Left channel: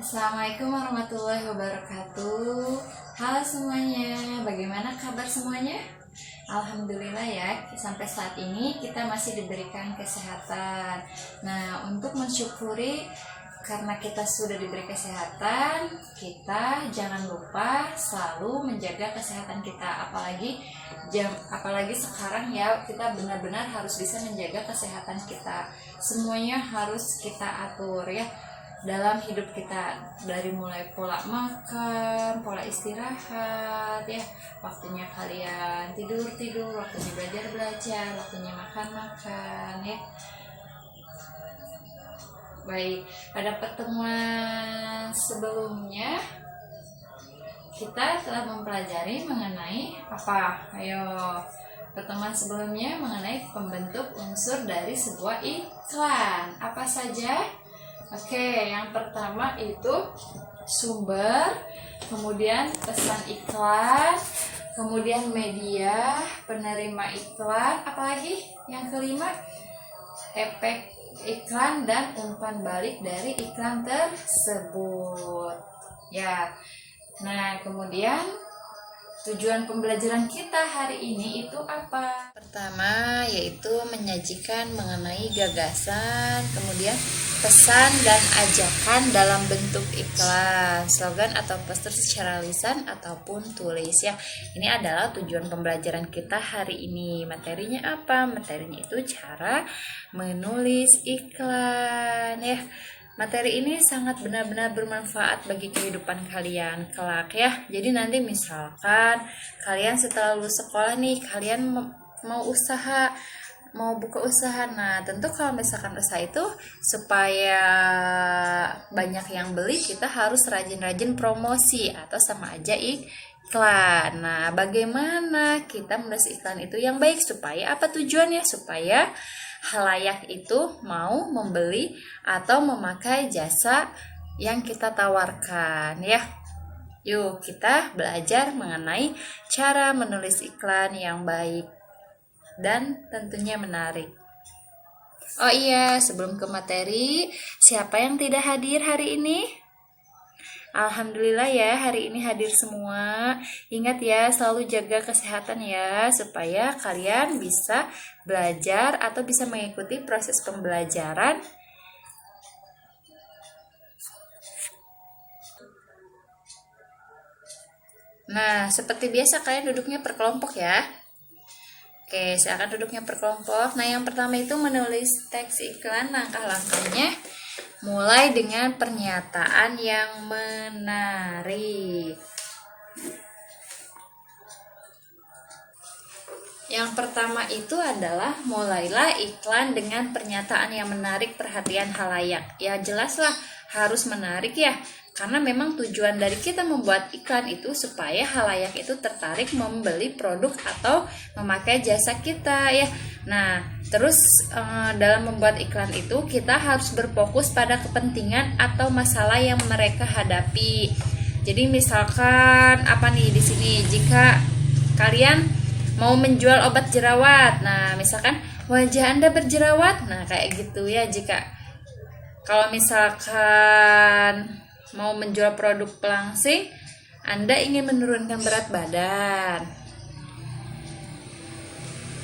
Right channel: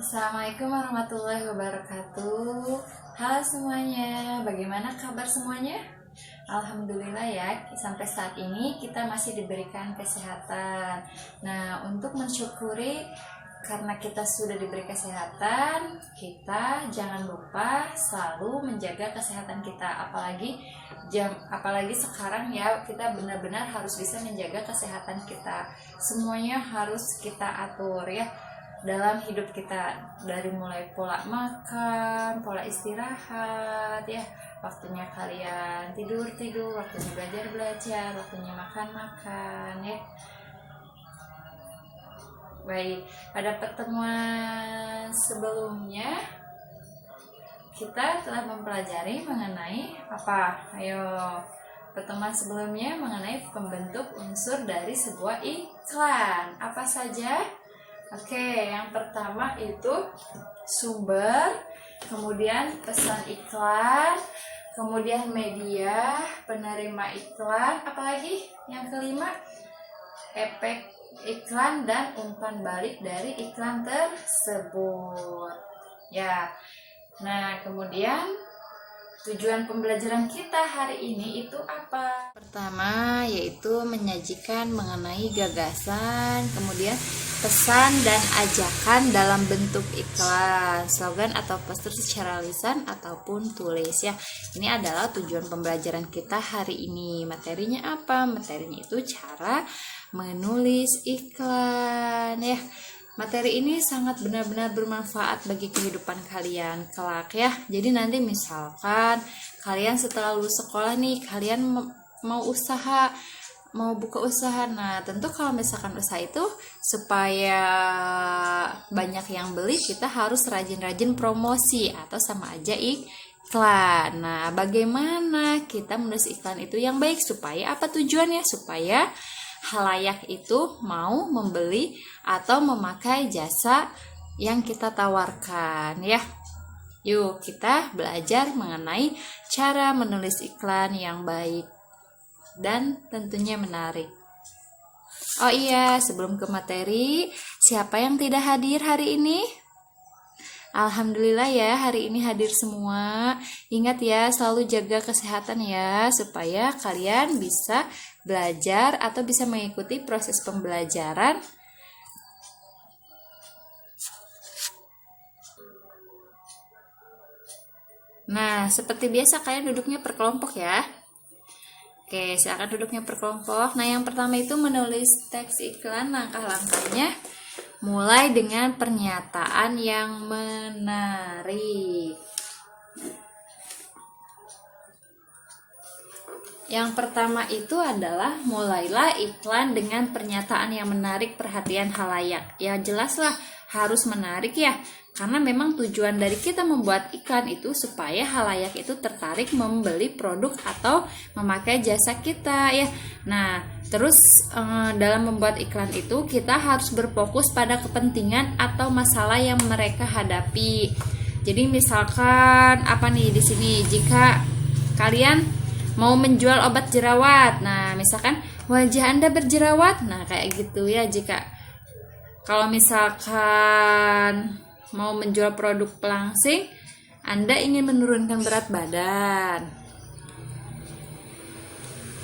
Assalamualaikum warahmatullahi wabarakatuh. Halo semuanya, bagaimana kabar semuanya? Alhamdulillah ya, sampai saat ini kita masih diberikan kesehatan. Nah, untuk mensyukuri karena kita sudah diberi kesehatan, kita jangan lupa selalu menjaga kesehatan kita. Apalagi sekarang ya, kita benar-benar harus bisa menjaga kesehatan kita. Semuanya harus kita atur ya dalam hidup kita, dari mulai pola makan, pola istirahat ya, waktunya kalian tidur, waktunya belajar, waktunya makan ya. Baik, pada pertemuan sebelumnya kita telah mempelajari mengenai apa? Pertemuan sebelumnya mengenai pembentuk unsur dari sebuah iklan. Apa saja? Oke, yang pertama itu sumber, kemudian pesan iklan, kemudian media, penerima iklan, apalagi yang kelima, efek iklan dan umpan balik dari iklan tersebut. Ya. Nah, kemudian tujuan pembelajaran kita hari ini itu apa? Pertama, yaitu menyajikan mengenai gagasan, kemudian pesan dan ajakan dalam bentuk iklan, slogan atau poster secara lisan ataupun tulis ya. Ini adalah tujuan pembelajaran kita hari ini. Materinya apa? Materinya itu cara menulis iklan ya. Materi ini sangat benar-benar bermanfaat bagi kehidupan kalian kelak ya. Jadi nanti misalkan kalian setelah lulus sekolah nih, kalian mau buka usaha. Nah, tentu kalau misalkan usaha itu supaya banyak yang beli, kita harus rajin-rajin promosi atau sama aja iklan. Nah, bagaimana kita menulis iklan itu yang baik supaya apa tujuannya? Supaya halayak itu mau membeli atau memakai jasa yang kita tawarkan ya. Yuk kita belajar mengenai cara menulis iklan yang baik dan tentunya menarik. Oh iya, sebelum ke materi, siapa yang tidak hadir hari ini? Alhamdulillah ya, hari ini hadir semua. Ingat ya, selalu jaga kesehatan ya, supaya kalian bisa belajar atau bisa mengikuti proses pembelajaran. Nah, seperti biasa kalian duduknya per kelompok ya. Oke, silakan duduknya per kelompok. Nah, yang pertama itu menulis teks iklan. Langkah-langkahnya mulai dengan pernyataan yang menarik. Yang pertama itu adalah mulailah iklan dengan pernyataan yang menarik perhatian halayak. Ya jelaslah harus menarik ya, karena memang tujuan dari kita membuat iklan itu supaya halayak itu tertarik membeli produk atau memakai jasa kita ya. Nah, terus dalam membuat iklan itu kita harus berfokus pada kepentingan atau masalah yang mereka hadapi. Jadi misalkan apa nih di sini, jika kalian mau menjual obat jerawat, nah misalkan wajah Anda berjerawat, nah kayak gitu ya. Jika kalau misalkan mau menjual produk pelangsing, Anda ingin menurunkan berat badan,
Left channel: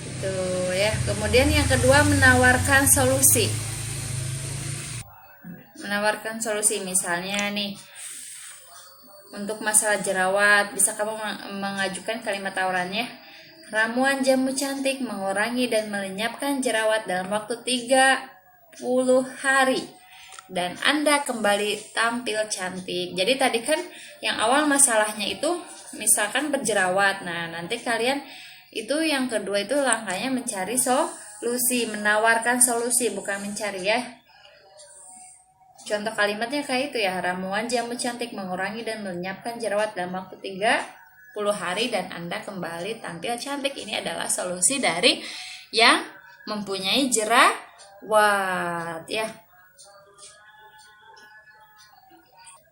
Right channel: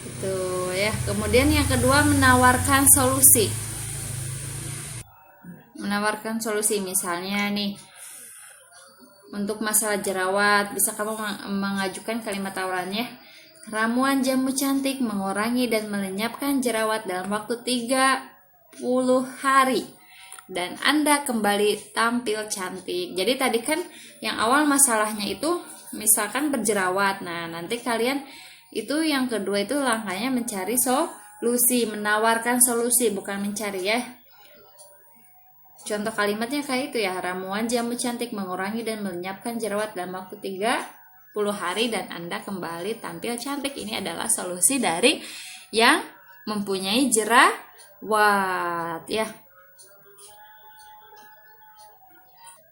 gitu ya. Kemudian yang kedua, menawarkan solusi. Menawarkan solusi, misalnya nih untuk masalah jerawat, bisa kamu mengajukan kalimat tawarannya, ramuan jamu cantik mengurangi dan melenyapkan jerawat dalam waktu 30 hari dan Anda kembali tampil cantik. Jadi tadi kan yang awal masalahnya itu misalkan berjerawat. Nah, nanti kalian itu yang kedua itu langkahnya mencari solusi, menawarkan solusi, bukan mencari ya. Contoh kalimatnya kayak itu ya, ramuan jamu cantik mengurangi dan melenyapkan jerawat dalam waktu 30 hari dan Anda kembali tampil cantik. Ini adalah solusi dari yang mempunyai jerawat ya.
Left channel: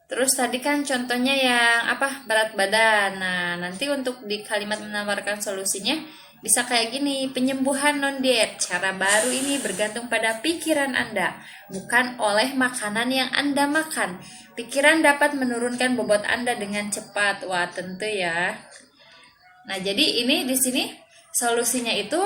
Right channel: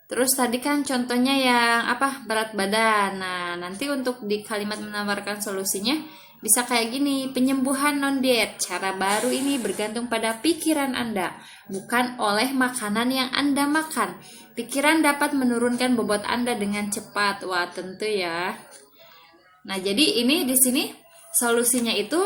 Terus tadi kan contohnya yang apa, berat badan. Nah, nanti untuk di kalimat menawarkan solusinya Bisa kayak gini, penyembuhan non-diet. Cara baru ini bergantung pada pikiran Anda, bukan oleh makanan yang Anda makan. Pikiran dapat menurunkan bobot Anda dengan cepat. Wah, tentu ya. Nah, jadi ini di sini solusinya itu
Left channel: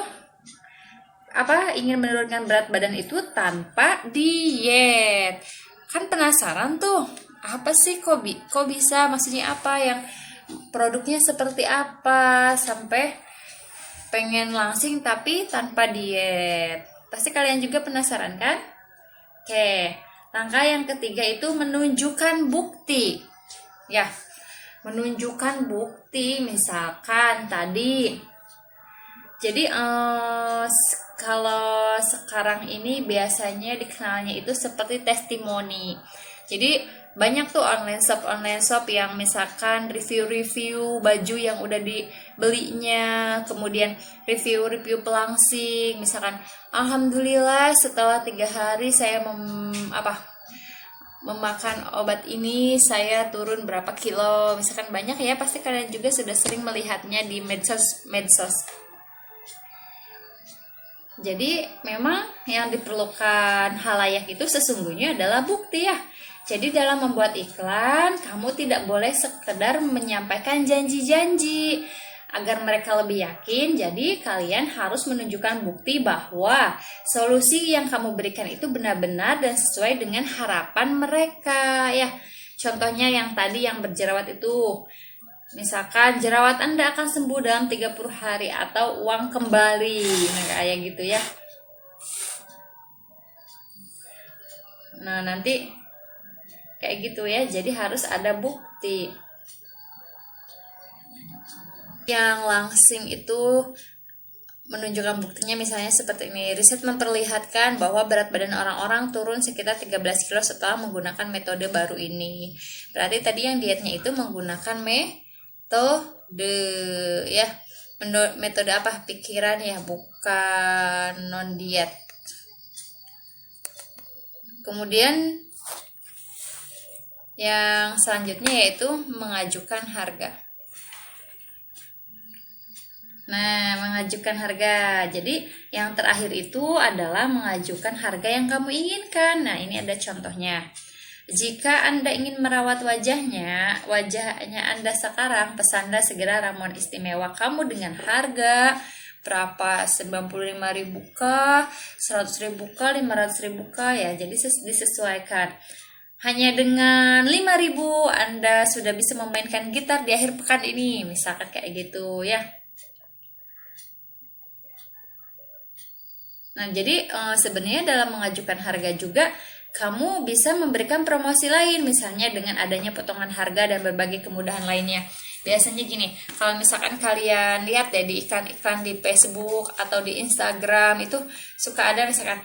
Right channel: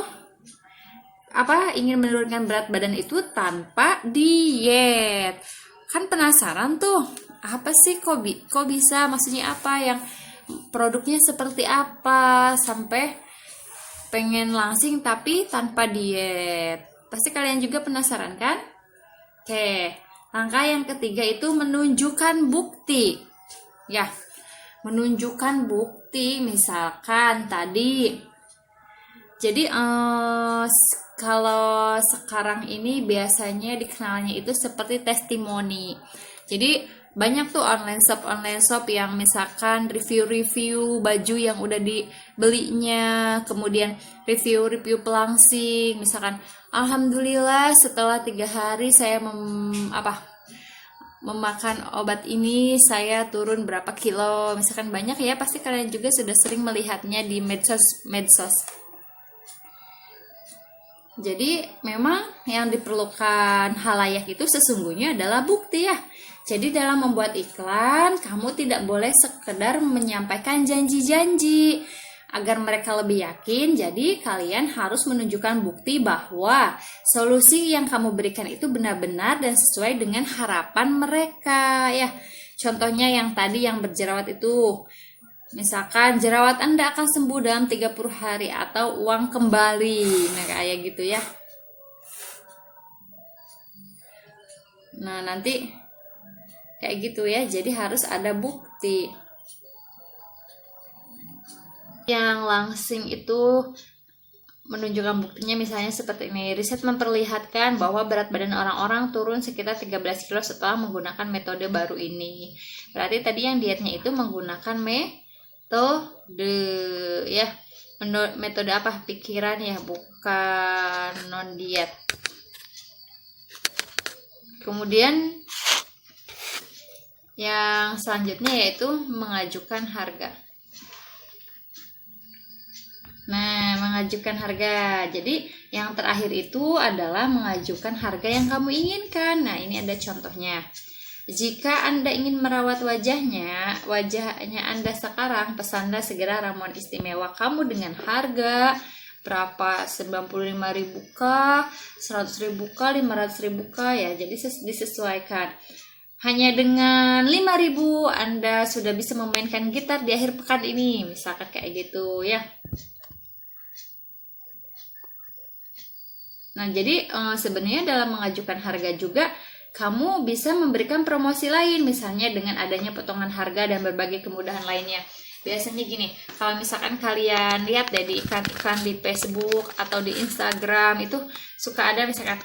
ingin menurunkan berat badan itu tanpa diet. Kan penasaran tuh, apa sih kok bisa? Maksudnya apa, yang produknya seperti apa sampai pengen langsing tapi tanpa diet. Pasti kalian juga penasaran kan? Oke, langkah yang ketiga itu menunjukkan bukti. Ya, menunjukkan bukti, misalkan tadi. Jadi kalau sekarang ini biasanya dikenalnya itu seperti testimoni. Jadi banyak tuh online shop yang misalkan review baju yang udah dibelinya, kemudian review pelangsing, misalkan alhamdulillah setelah 3 hari saya memakan obat ini saya turun berapa kilo, misalkan banyak ya, pasti kalian juga sudah sering melihatnya di medsos. Jadi memang yang diperlukan halayak itu sesungguhnya adalah bukti ya. Jadi dalam membuat iklan, kamu tidak boleh sekedar menyampaikan janji-janji. Agar mereka lebih yakin, jadi kalian harus menunjukkan bukti bahwa solusi yang kamu berikan itu benar-benar dan sesuai dengan harapan mereka ya. Contohnya yang tadi yang berjerawat itu, misalkan jerawat Anda akan sembuh dalam 30 hari atau uang kembali. Nah, kayak gitu ya. Nah, nanti kayak gitu ya. Jadi harus ada bukti. Yang langsing itu menunjukkan buktinya misalnya seperti ini. Riset memperlihatkan bahwa berat badan orang-orang turun sekitar 13 kilo setelah menggunakan metode baru ini. Berarti tadi yang dietnya itu menggunakan metode ya. Metode apa? Pikiran ya, bukan non diet. Kemudian yang selanjutnya yaitu mengajukan harga. Nah, mengajukan harga. Jadi, yang terakhir itu adalah mengajukan harga yang kamu inginkan. Nah, ini ada contohnya. Jika Anda ingin merawat wajahnya Anda sekarang, pesanlah segera ramuan istimewa kamu dengan harga berapa? 95.000 kah? 100.000 kah? 500.000 kah ya? Jadi disesuaikan. Hanya dengan 5.000 Anda sudah bisa memainkan gitar di akhir pekan ini. Misalkan kayak gitu ya. Nah, jadi sebenarnya dalam mengajukan harga juga kamu bisa memberikan promosi lain, misalnya dengan adanya potongan harga dan berbagai kemudahan lainnya. Biasanya gini, kalau misalkan kalian lihat deh di iklan-iklan di Facebook atau di Instagram itu suka ada misalkan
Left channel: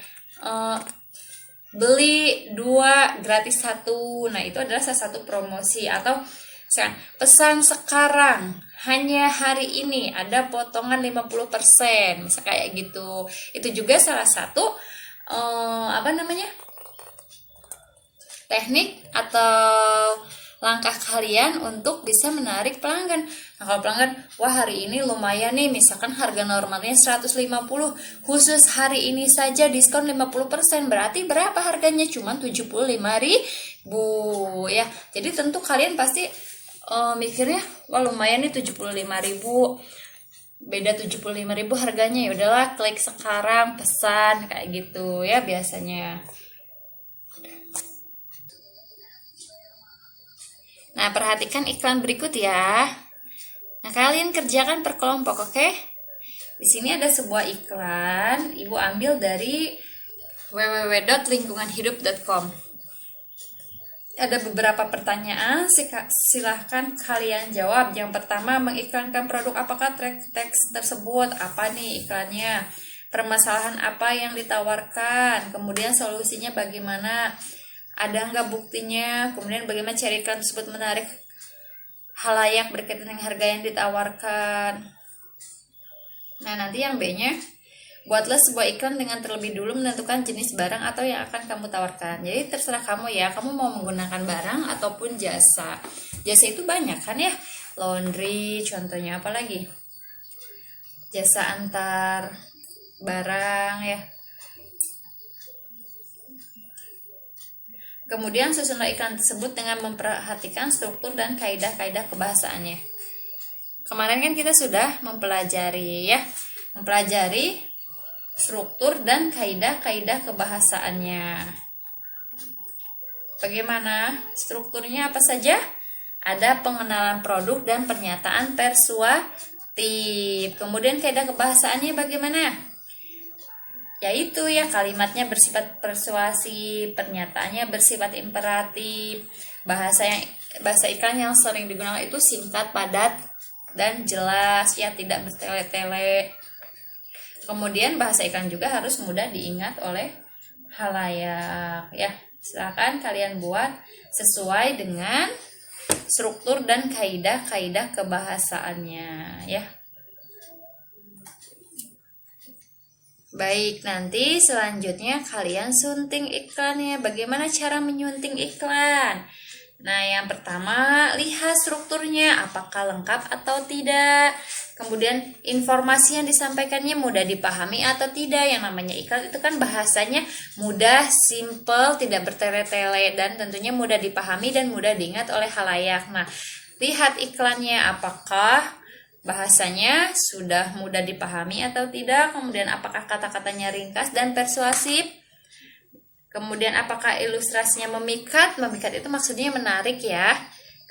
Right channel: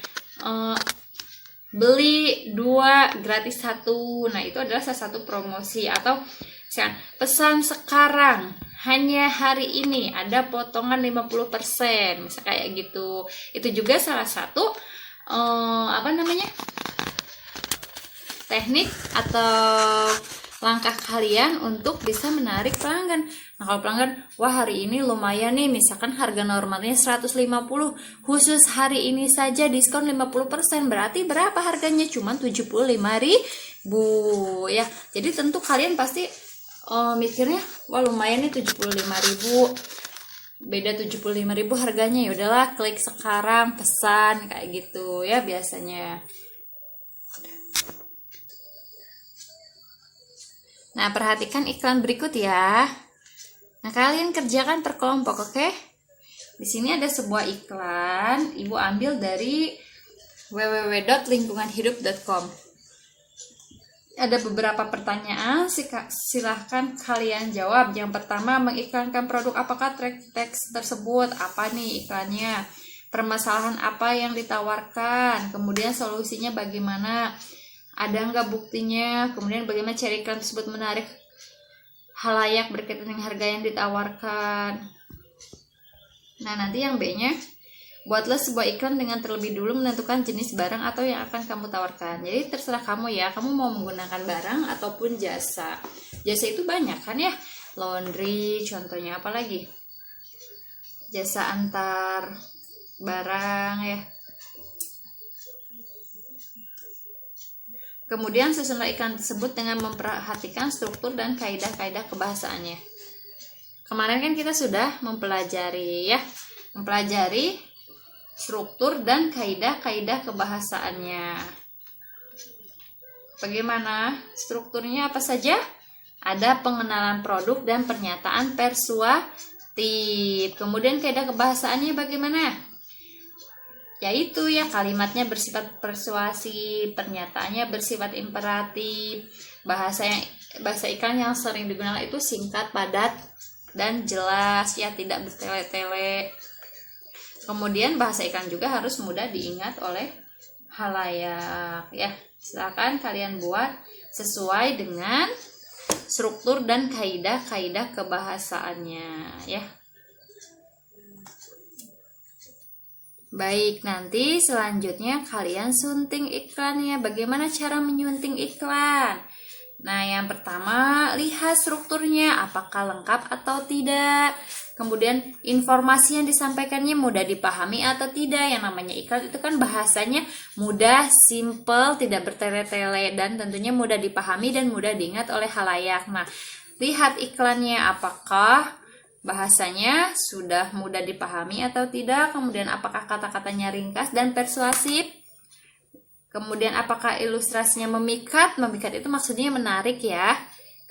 beli 2 gratis 1. Nah, itu adalah salah satu promosi. Atau misalkan pesan sekarang, hanya hari ini ada potongan 50%, misal kayak gitu. Itu juga salah satu teknik atau langkah kalian untuk bisa menarik pelanggan. Nah, kalau pelanggan, wah hari ini lumayan nih, misalkan harga normalnya 150, khusus hari ini saja diskon 50%, berarti berapa harganya? Cuma 75.000 ya. Jadi tentu kalian pasti mikirnya, wah lumayan nih 75.000, beda 75.000 harganya, ya udahlah klik sekarang pesan, kayak gitu ya biasanya. Nah, perhatikan iklan berikut ya. Nah, kalian kerjakan per kelompok, oke? Di sini ada sebuah iklan, Ibu ambil dari www.lingkunganhidup.com. Ada beberapa pertanyaan, silahkan kalian jawab. Yang pertama, mengiklankan produk apakah? Teks tersebut apa nih iklannya? Permasalahan apa yang ditawarkan? Kemudian solusinya bagaimana? Ada nggak buktinya? Kemudian bagaimana cara iklan tersebut menarik halayak berkaitan dengan harga yang ditawarkan? Nah, nanti yang B-nya, buatlah sebuah iklan dengan terlebih dulu menentukan jenis barang atau yang akan kamu tawarkan. Jadi terserah kamu ya, kamu mau menggunakan barang ataupun jasa. Jasa itu banyak kan ya, laundry contohnya, apa lagi? jasa antar barang ya. Kemudian susunlah iklan tersebut dengan memperhatikan struktur dan kaidah-kaidah kebahasaannya. Kemarin kan kita sudah mempelajari struktur dan kaidah-kaidah kebahasaannya. Bagaimana strukturnya, apa saja? Ada pengenalan produk dan pernyataan persuasif. Kemudian kaidah kebahasaannya bagaimana? Yaitu ya, kalimatnya bersifat persuasif, pernyataannya bersifat imperatif, bahasa iklan yang sering digunakan itu singkat, padat, dan jelas ya, tidak bertele-tele. Kemudian bahasa iklan juga harus mudah diingat oleh khalayak ya. Silakan kalian buat sesuai dengan struktur dan kaidah-kaidah kebahasaannya ya. Baik, nanti selanjutnya kalian sunting iklannya. Bagaimana cara menyunting iklan? Nah, yang pertama, lihat strukturnya, apakah lengkap atau tidak. Kemudian informasi yang disampaikannya mudah dipahami atau tidak. Yang namanya iklan itu kan bahasanya mudah, simple, tidak bertele-tele, dan tentunya mudah dipahami dan mudah diingat oleh khalayak. Nah, lihat iklannya, apakah bahasanya sudah mudah dipahami atau tidak. Kemudian apakah kata-katanya ringkas dan persuasif. Kemudian apakah ilustrasinya memikat. Memikat itu maksudnya menarik ya.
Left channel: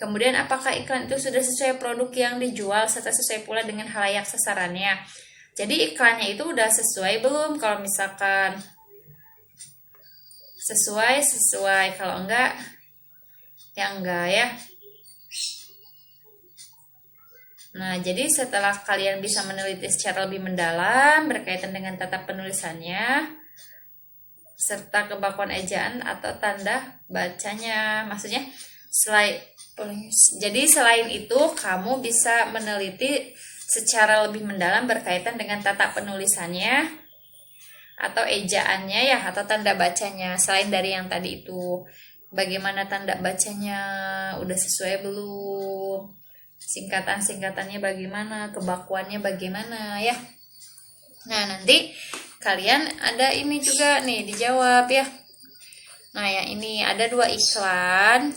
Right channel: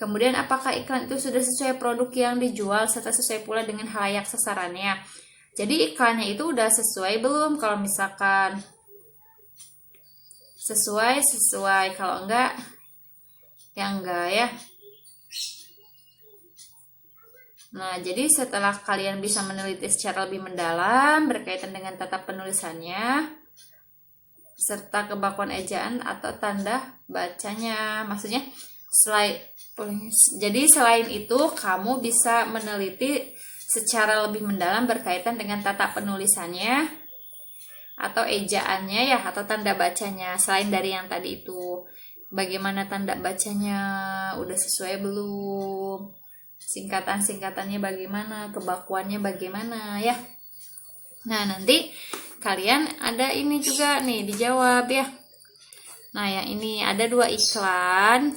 Kemudian apakah iklan itu sudah sesuai produk yang dijual serta sesuai pula dengan khalayak sasarannya. Jadi iklannya itu udah sesuai belum? Kalau misalkan sesuai, kalau enggak ya enggak ya. Nah, jadi setelah kalian bisa meneliti secara lebih mendalam berkaitan dengan tata penulisannya serta kebakuan ejaan atau tanda bacanya, maksudnya selain itu kamu bisa meneliti secara lebih mendalam berkaitan dengan tata penulisannya atau ejaannya ya, atau tanda bacanya. Selain dari yang tadi itu, bagaimana tanda bacanya, udah sesuai belum? Singkatan-singkatannya bagaimana, kebakuannya bagaimana ya. Nah, nanti kalian ada ini juga nih dijawab ya. Nah, yang ini ada 2 iklan.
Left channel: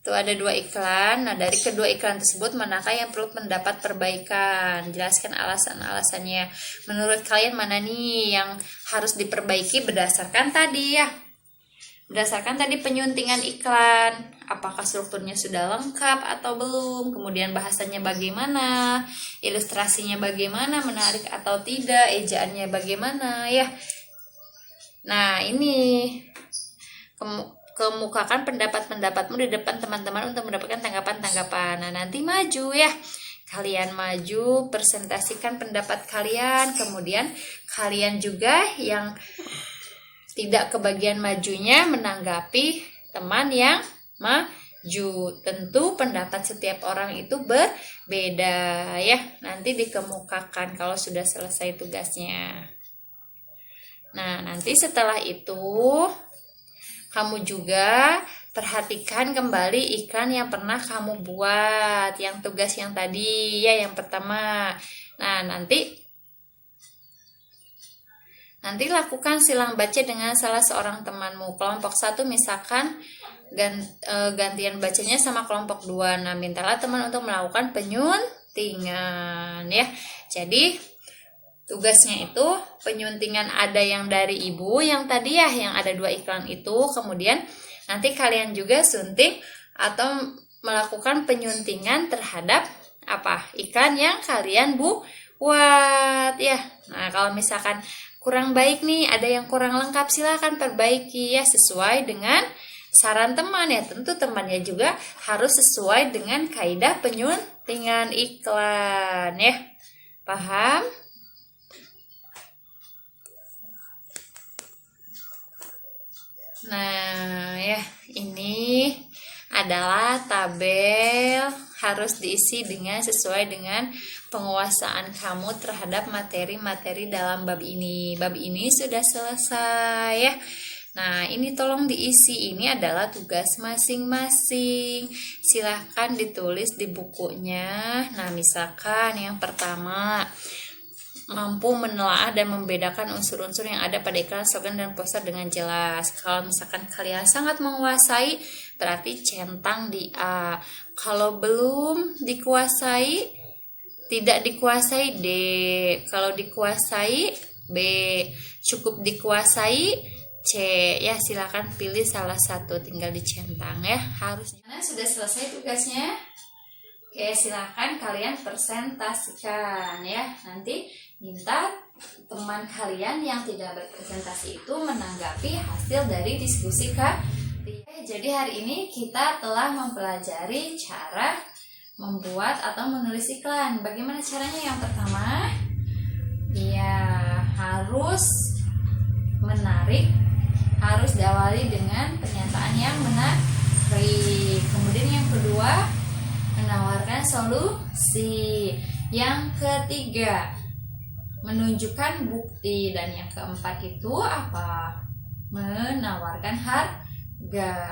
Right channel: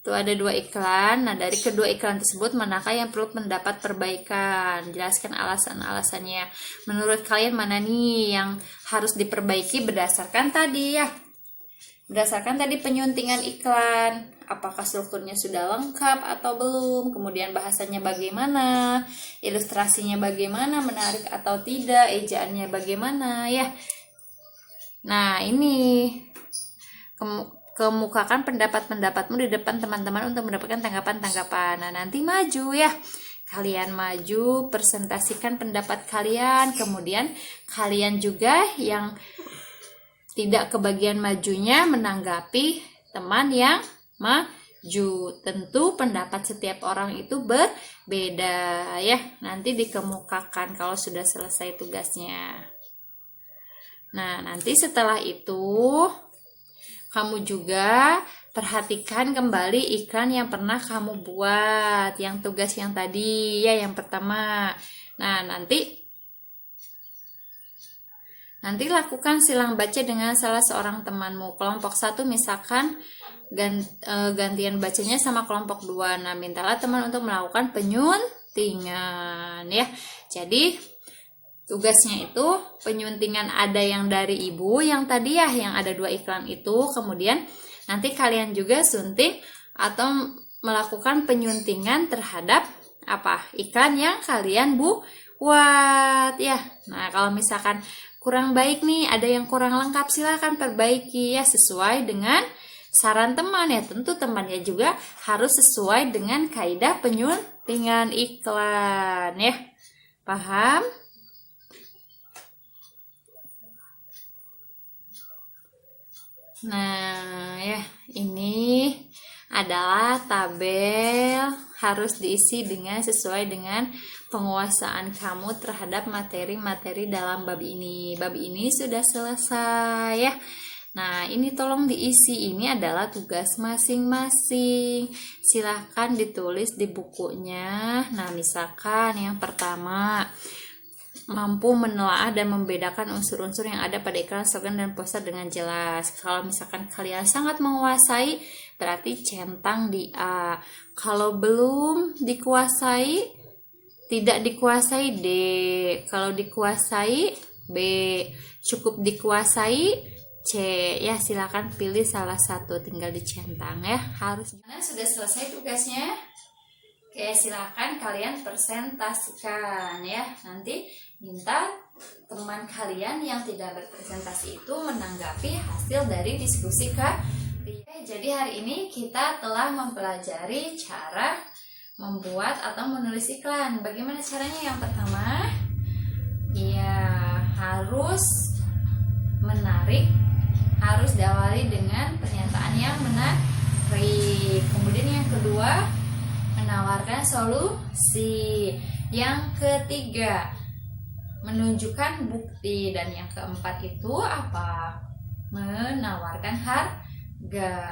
Tuh ada 2 iklan. Nah, dari kedua iklan tersebut manakah yang perlu mendapat perbaikan? Jelaskan alasan-alasannya. Menurut kalian mana nih yang harus diperbaiki berdasarkan tadi ya? Berdasarkan tadi penyuntingan iklan, apakah strukturnya sudah lengkap atau belum, kemudian bahasanya bagaimana, ilustrasinya bagaimana, menarik atau tidak, ejaannya bagaimana ya. Nah, ini kemukakan pendapat-pendapatmu di depan teman-teman untuk mendapatkan tanggapan-tanggapan. Nah, nanti maju ya. Kalian maju, presentasikan pendapat kalian, kemudian kalian juga yang tidak kebagian majunya menanggapi teman yang maju. Tentu pendapat setiap orang itu berbeda ya. Nanti dikemukakan kalau sudah selesai tugasnya. Nah, nanti setelah itu kamu juga perhatikan kembali iklan yang pernah kamu buat, yang tugas yang tadi ya, yang pertama. Nah, nanti lakukan silang baca dengan salah seorang temanmu. Kelompok 1 misalkan gantian bacanya sama kelompok 2. Nah, mintalah teman untuk melakukan penyuntingan ya. Jadi tugasnya itu penyuntingan ada yang dari ibu yang tadi ya, yang ada 2 iklan itu. Kemudian nanti kalian juga sunting atau melakukan penyuntingan terhadap iklan yang kalian buat ya. Nah, kalau misalkan kurang baik nih, ada yang kurang lengkap, silakan perbaiki ya sesuai dengan saran teman ya. Tentu temannya juga harus sesuai dengan kaidah penyuntingan iklan ya. Paham? Nah, ya, ini adalah tabel, harus diisi dengan sesuai dengan penguasaan kamu terhadap materi-materi dalam bab ini. Bab ini sudah selesai ya. Nah, ini tolong diisi. Ini adalah tugas masing-masing. Silahkan ditulis di bukunya. Nah, misalkan yang pertama, mampu menelaah dan membedakan unsur-unsur yang ada pada iklan, slogan, dan poster dengan jelas. Kalau misalkan kalian sangat menguasai, berarti centang di A. Kalau belum dikuasai, tidak dikuasai D. Kalau dikuasai B. Cukup dikuasai C. Ya, silakan pilih salah satu, tinggal dicentang ya. Harus. Nah, sudah selesai tugasnya. Oke, silakan kalian presentasikan ya. Nanti minta teman kalian yang tidak berpresentasi itu menanggapi hasil dari diskusi kalian. Jadi hari ini kita telah mempelajari cara membuat atau menulis iklan. Bagaimana caranya? Yang pertama, ya harus menarik, harus diawali dengan pernyataan yang menarik. Kemudian yang kedua, menawarkan solusi. Yang ketiga, menunjukkan bukti. Dan yang keempat itu apa? Menawarkan harga.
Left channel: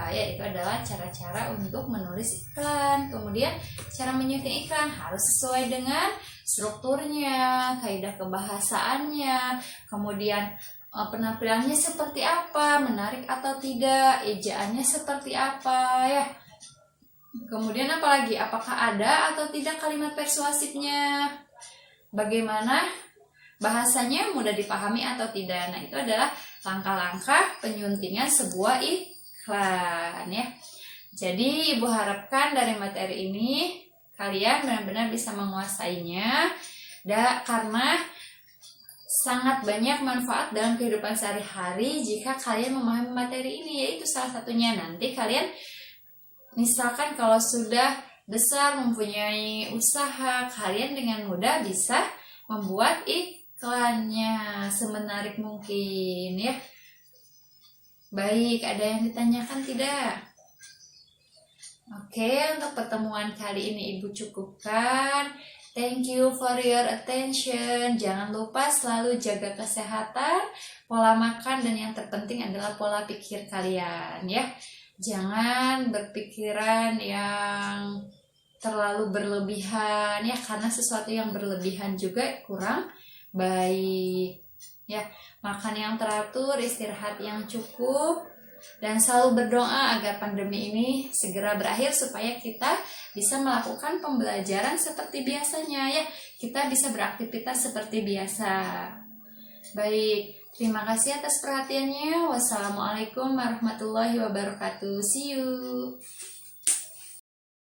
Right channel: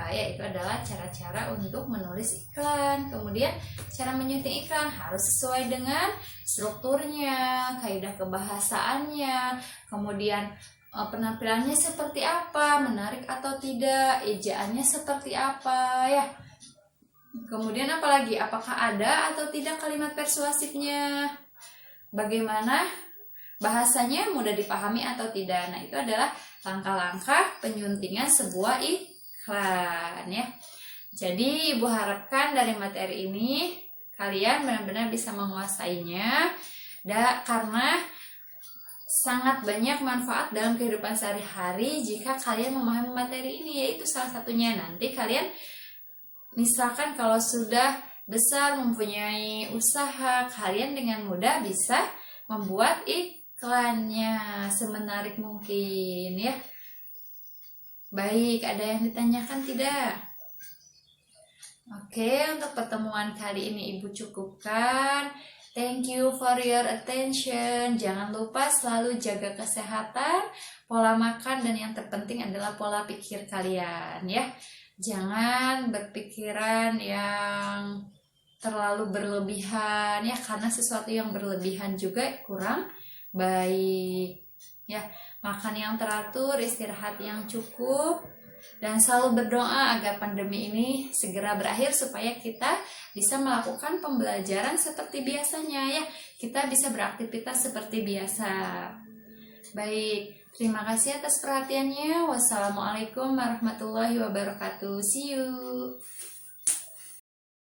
Ya, itu adalah cara-cara untuk menulis iklan. Kemudian cara menyunting iklan harus sesuai dengan strukturnya, kaidah kebahasaannya, kemudian penampilannya seperti apa, menarik atau tidak, ejaannya seperti apa ya. Kemudian apalagi, apakah ada atau tidak kalimat persuasifnya, bagaimana bahasanya mudah dipahami atau tidak. Nah, itu adalah langkah-langkah penyuntingan sebuah iklan ya. Jadi Ibu harapkan dari materi ini kalian benar-benar bisa menguasainya, karena sangat banyak manfaat dalam kehidupan sehari-hari jika kalian memahami materi ini. Yaitu salah satunya, nanti kalian misalkan kalau sudah besar mempunyai usaha, kalian dengan mudah bisa membuat iklannya semenarik mungkin ya. Baik, ada yang ditanyakan tidak? Oke, untuk pertemuan kali ini Ibu cukupkan. Thank you for your attention. Jangan lupa selalu jaga kesehatan, pola makan, dan yang terpenting adalah pola pikir kalian ya. Jangan berpikiran yang terlalu berlebihan ya, karena sesuatu yang berlebihan juga kurang baik ya. Makan yang teratur, istirahat yang cukup, dan selalu berdoa agar pandemi ini segera berakhir supaya kita bisa melakukan pembelajaran seperti biasanya ya. Kita bisa beraktivitas seperti biasa. Baik, terima kasih atas perhatiannya. Wassalamualaikum warahmatullahi wabarakatuh. See you.